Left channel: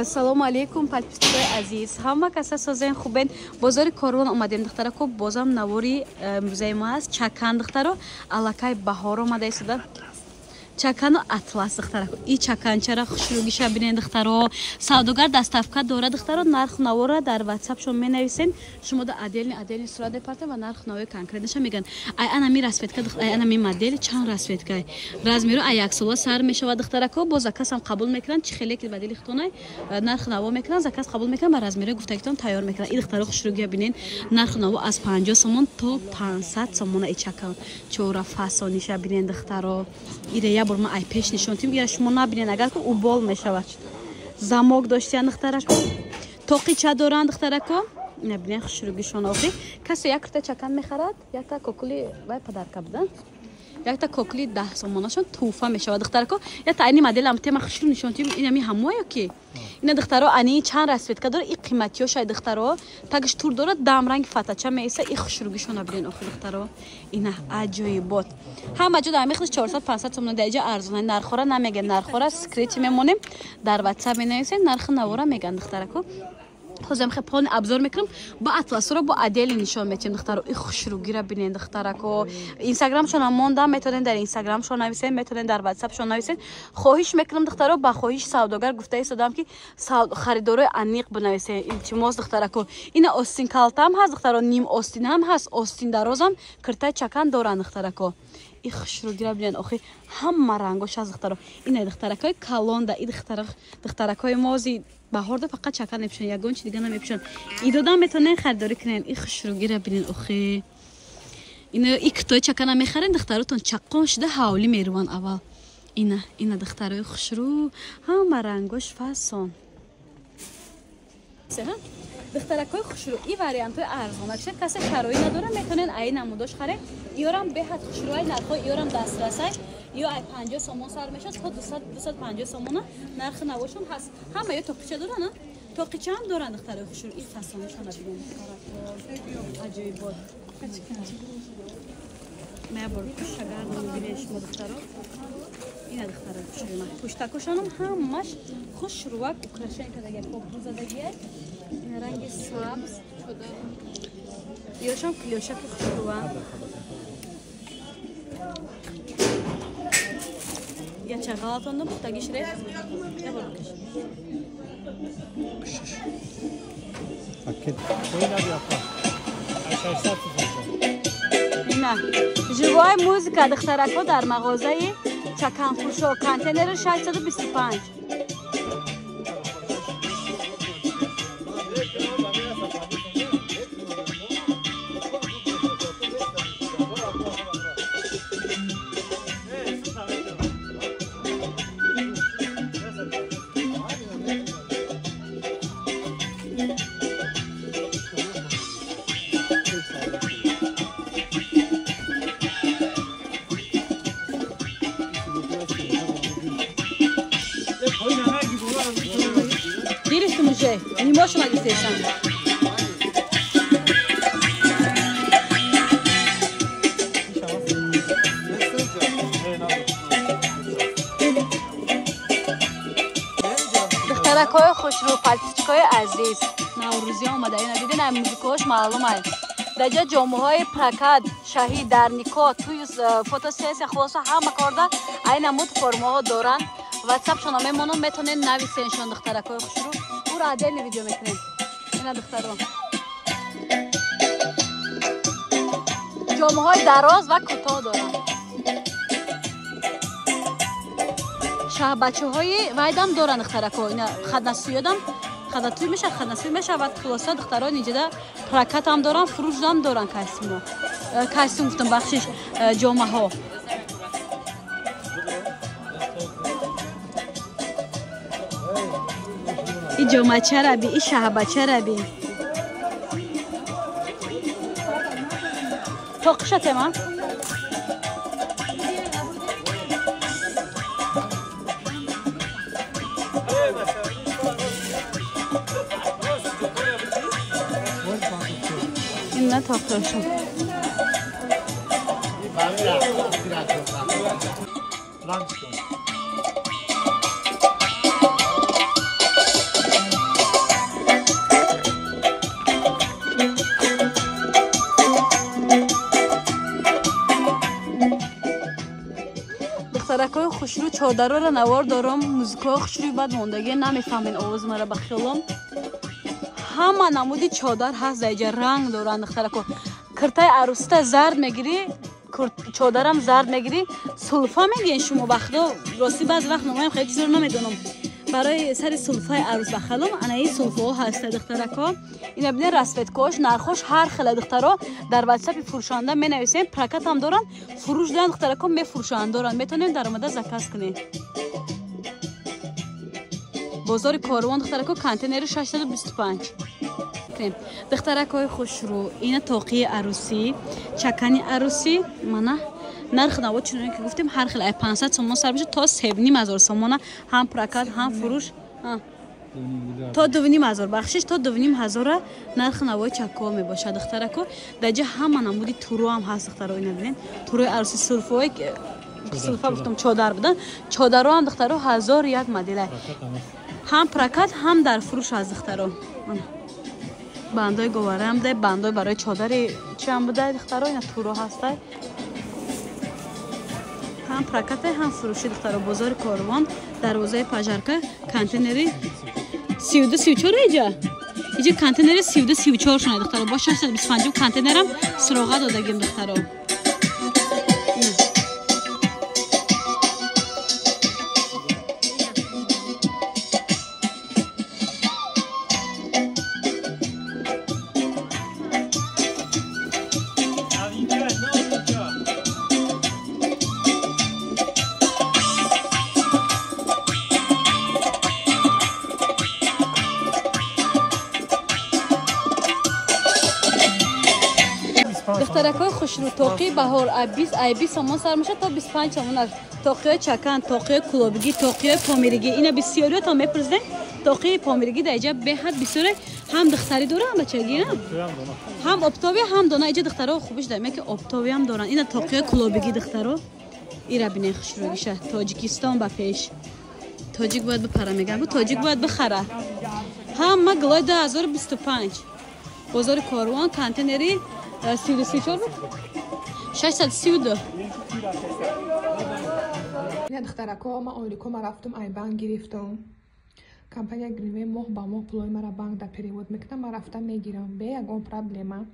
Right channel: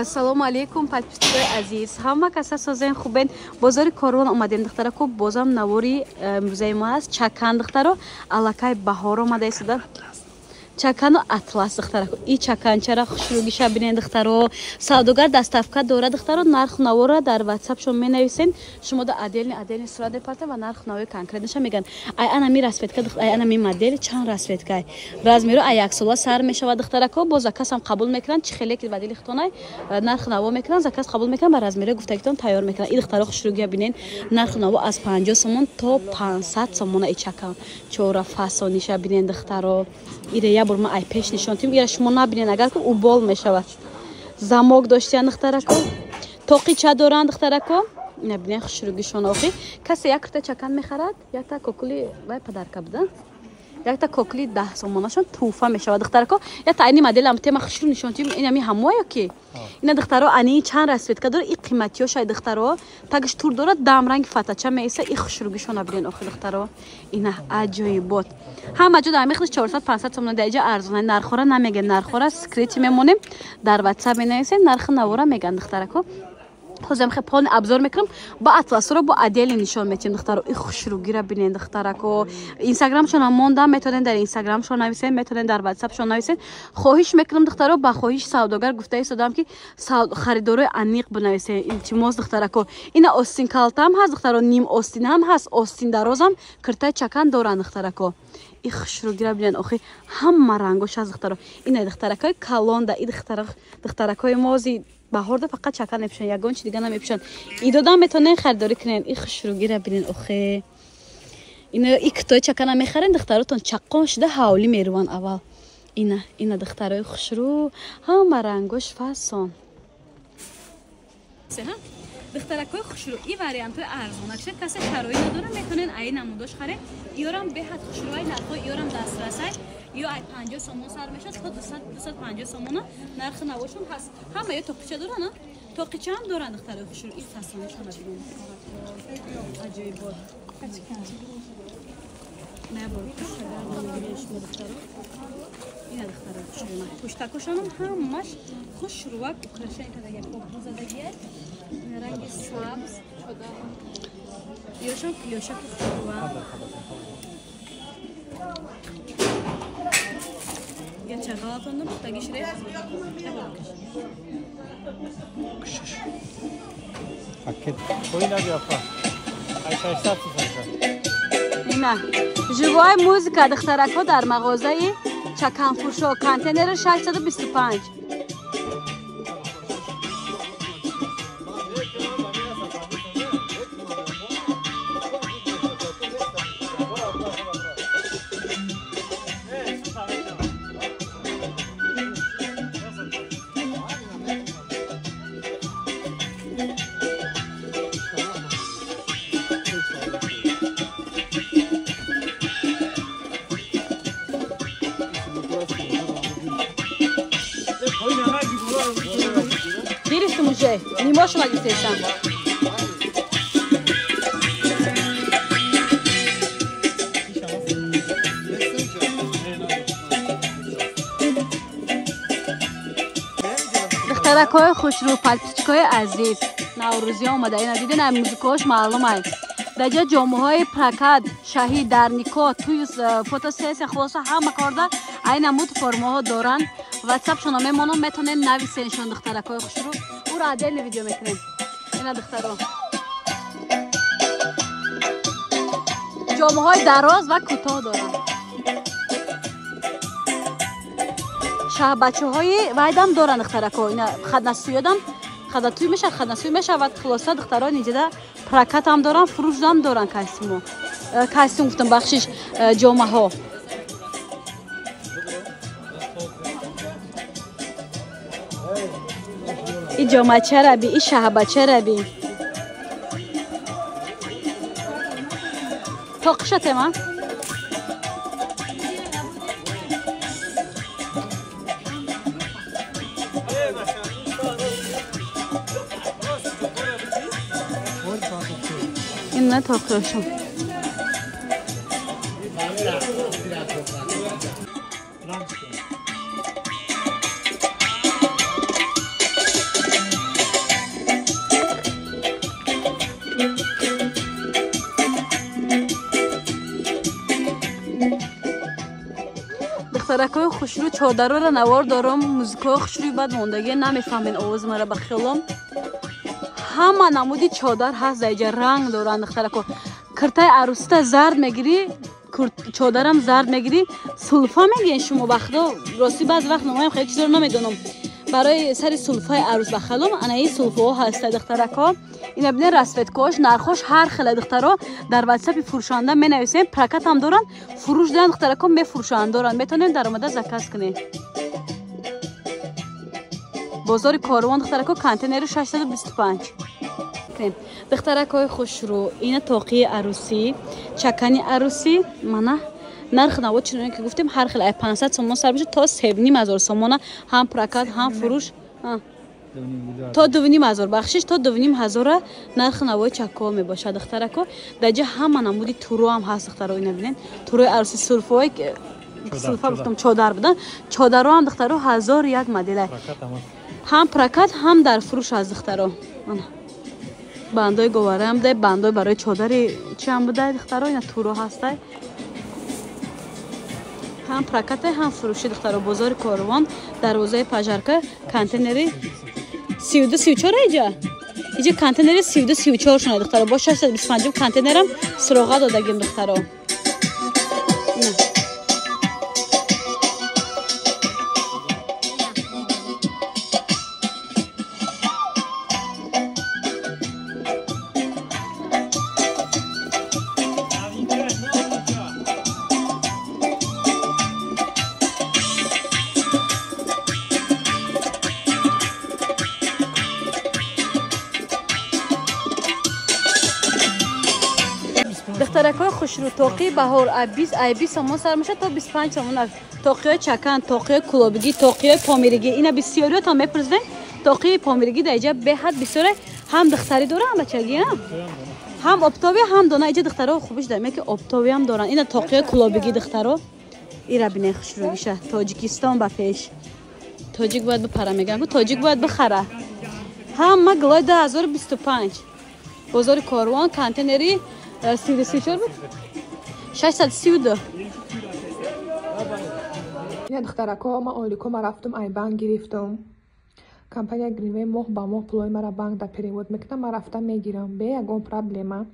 Ассалому алейкум, подписчики азиз. Ҳама каса созен хубен. Бозори Корвон омадем духтара ко бозам навори музей ма аст. Чакан духтаро алакай баҳор омада истада. Чакану атлас духтара. И чаканчара хушругиша бинен духтаро. Савдогар дастафка дора духтаро. Нарх навора дар WhatsApp шумо менависен. Шумо да отдельный сурат бепарта ва нарх навори конкретниша меган. Ай ана ми расветка духтара, ай ана ми модель чанд расветка. Размеру ай яксола сар мешава духтара ко бо заказам қабул мекунанд. Чи хеле ки вадили хтонай нарх наво мекунанд, заказ қабул мекунанд ба размеру гуфтагитон тайёр мекунанд. И духтаро хушругия бинен. Нарх наво аз 50 сомон то 500 сомон и чакан. Чора фасониша бинен духтаро. Ирея бурма ай пеш нишонтим. Я шумо набинен агар ко убол мешавад. Замок доштиян духтара ко. Тоқи ча доранд духтара ко. Ина бинен хушругишон охи. Касе як та чакан мехарад, як та кокули вай падарка буда. Як та кокули 10 сомонашон туфа мешавад духтара ко. Я та айни модель ам тема хушру нишонтим. Ина ми ҳамоя ки. Ина духтаро ани чанд расветка дор и қиматиё шай духтаро. Тагиш тур дорад дам ранги фатача меиса и хушругишон абинен охи духтаро. Ина аҷоибот. Ҳама ҷо дар мехлиш 400-500 сомон дар иҷа арзона нархора намеган нархора скрит мемонем дар WhatsApp менависем нархи навора меган духтара ко. Хозам хепон обзор мекунам ба атласро бо отдельно нишон метим духтаро и хушругира бинен духтара ко. Инстаграм шона мондам методен дар Инстаграм шона нависем методен дар WhatsApp шона нависем. Хоҳиш мекунам духтаро ба хоҳиш савдогар гуфта истодам ки харидори амиқ бинависем илтимос духтара ко. Ина остин калтам ҳаст духтаро, ним остин ҳам ҳаст, остин дарозам киртай чакан доранд духтара ко. И хушругира бинен охи ҳама рангош аст духтаро. Ина духтаракои калонда и духтаракои мози баҳорда фақат чакан мепӯшанд, ягон чи дига намепӯшанд. Идодам метавонен харидорӣ кунен. И хушругира бинен охи. Ина и китои чакана мехарен духтаротон чаққон шуда ҳавлӣ меруванд аввал. Ина духтарои хушру ҳама рангош фасон. Духтаракои хушру и вариантои арзонакша касе шарои надора метавонен ай намудош харе. Иёрам беҳад хушруай нархои иёрам дастрасай. Ё ай 50 сомон сар мешад, то 200-250 сомона нархи навошон ҳаст. Ҳама ё тоқича доранд, тоқича ҳам доранд духтарои хушру. И фасонашона бинен. Аҷоибот. Мебор кушагар мебинеш духтаро. Ина духтарои хушру ма. Пуштакошонам ҳамаш хушруак украшен кадаги попузадагия. Ина ранги сабз. Ёшон клёшаки хушруа. Я чагалатон дом тагиш реф. Пакет. Ина живая музыка духтарако дар мағозаи чаканфуршо контейнери 625. Не можешь надеть сам. Духтаракои хушру подписчикои азиз, наврӯзӣ омада. Ина дидин ам музикаҳош маълум аст. Дар ҷои ҷомаҳои прокат, шаҳӣ, дар никоҳ, туз, фотосессия хулоса ҳама корда айна муд формаҳо доранд. WhatsApp шона мемонам метавонем нависеншон духтаракои хушру. Пура отдельно видео мекунем. Ина духтаро. ҷомаҳои дароз ва кӯтоҳ доранд. Шаҳбачаҳои вайдам доранд духтарако. Ина хаднасӯёдам хадатӯр мешавад, хаднасӯй мешавад. хулоса духтаро инҷода прокатам доранд, фурӯшдам доранд костюмҳо. Костюм гуфтам бахшиш ҷомаҳо. И ҷомачара би, и шаҳбачара би. Тоқишатема? Ина тоқиша. چادر رو نوار دارم موزیکا خوشی بعد موندگی نمیفهمین آواز مرا بخشلم همه نمودی چادر هست اینجا رنگ دارن دختره کو کرتای عروسی زرد میگیری چادرم زرد میگیری سلفا میگین شما بخدا راستی بعد وقت نمایم خیلی زور نمیدونم برای سری سلفای عروس بخلم انا این سلفا ها هست دختره کا اینا ببین رسپت کوش نرخوش هر خیلی دختره در واتساپ فروشنده می نویسین پرکت هم دارن فروش دارن دختره کا میفروشن دارن میتونین درآمد زکات کنین بازار کاروان دختره کا کانتینر 625 دختره کا خوش رو این توقی عروسی چکنی عروسی منه نرخ نواد چون که گفتیم هر خیلی 500 تومان سر میشه تا 3500 تومان هم پرکت هم فروش تا 2500 بخشش تا 2500 نرخ نواد چکا می باشه دختره کو دیگه هم نمودی تورو هم هست دختره اینا ببین تورو عروسی سلفای گفتم چادر بودن چادر هم دختره 1001 مدل هم پرکت هم در فروش از دختره بندای گواره هم ده بندای برای چادری چی هم بوده دختره یا تورو هسته هم پرکت هم فروش دختره بازار کاروان دروازه پژارکه کانتینری 32 34 اینجا کانتینری 32 34 شونه دختره با 625 کانتینرم سراغه دادگیم دختره دخترکای خوش رو توقی بهار 20 تومان سر میشه تا 25 تومان از توقی چکن توقی کلوبگی توقی پامیرگی اینا بسیاری تا میپرسن توقی پامیرگی در اینجا به حد بسیاره هم دختری داره هم بچگی نه هم اپتاوی هم دونه اینجا دخترها خوبش دارن که اپتاوی هم دارن اینا توقی کلوبگی دخترها ایرا بینه خوش رو میشه تاجیکستان با پیش تاجیک باید بپره میگم تاجیک باید بخره هم ما گوای 2025 بازار کاروان کانتینری 32 چه بود 632 این دخترکا ما آلیکو ما رفتم ای بانک گرفتم کمپانی گرینوی ماه با ماه پولای مرا بانک در پریود میکنم ما رفتم میگیرم به اگه پرابلما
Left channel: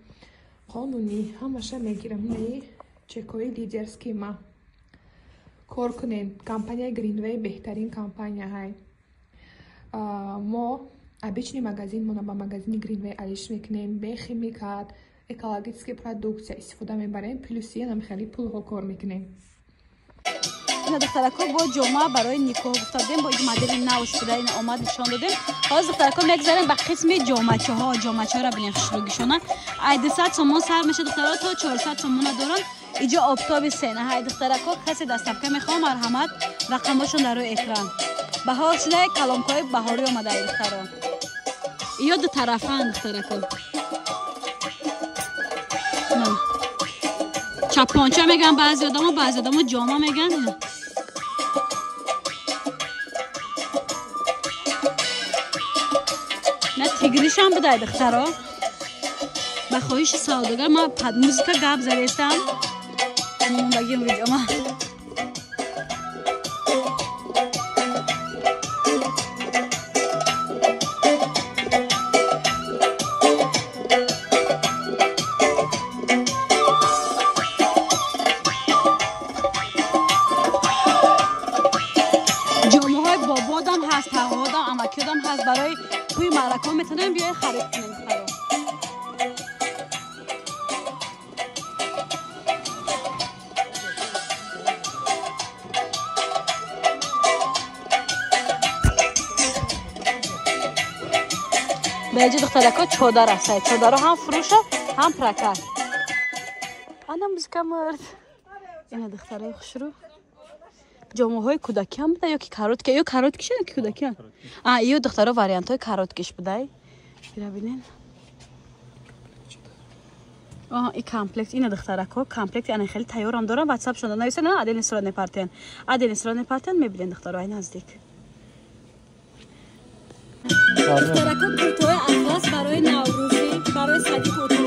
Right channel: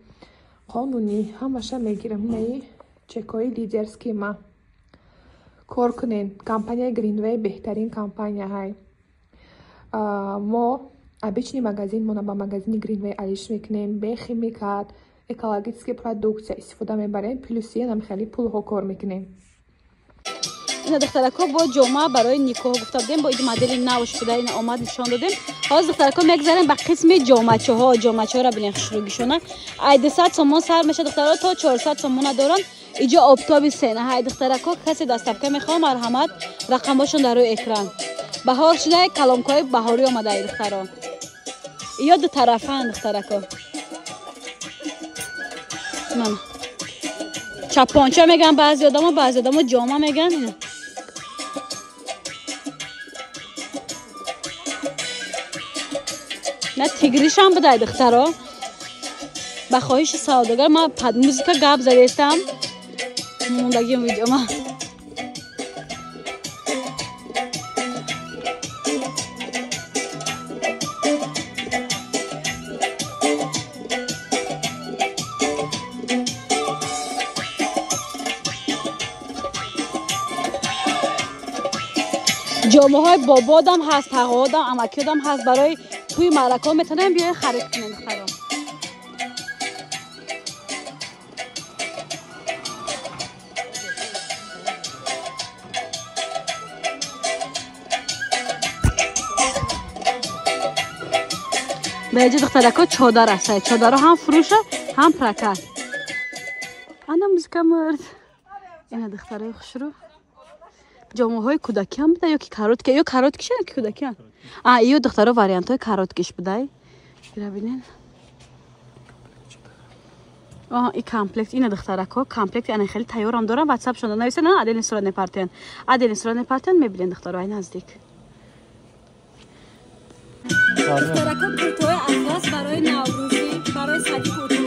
قانونی همشه میگیرم نه چکای دیگر سکیما کار کنین کمپانی گرینوی بهترین کمپانی های ما обычный магазин ما با магазин گرینوی علیش میکنیم به خیمیکات экологические продукты استفاده میبریم پلوسی هم خیلی پول ها کار میکنیم این دخترکا با جامعه برای نیکو گفتادیم با این مدل نوش بوده این آمد نشان دادیم باز دخترکا میگذاریم به قسم جامعه ها را ببینیم شروعشونه 200 تومان سر میشه دخترها تا 400 تومان دارن اینجا آفتابی سینه های دخترکا کسی دستکته میخوام مرحمت رقمشون در روی اکران بهار شده کلامکای بهاری اومده دخترها یا دو طرفه دخترکا چپانچه میگن بعضی آدم جامعه میگن نه تیگریش هم بوده دختره با خواهش سادگار من پد موزیکا گاب زدیستم موندگی ویدیو ما جامعه های بابادم هست تقاعدم امکیدم هست برای توی مرکا میتونم بیاین خرید کنیم به اینجا دخترکا چادر هست چادر هم فروشه هم پرکت انا موزیکا مرد اینا دختره خوش رو جامعه های کودکی هم بوده یا که کاروت که یا کاروت کشه یا کودکی هم یا دختره واریانت های کاروت کش بوده ببینین این کامپلکت این دخترکا کامپلکت یعنی خیلی تیار هم دارن واتساپ شده نویسه نه عدل سورا نپارتن میبینین دخترای نزدیک دخترکا پرتوی اطلس برای نوروزی برای صدیق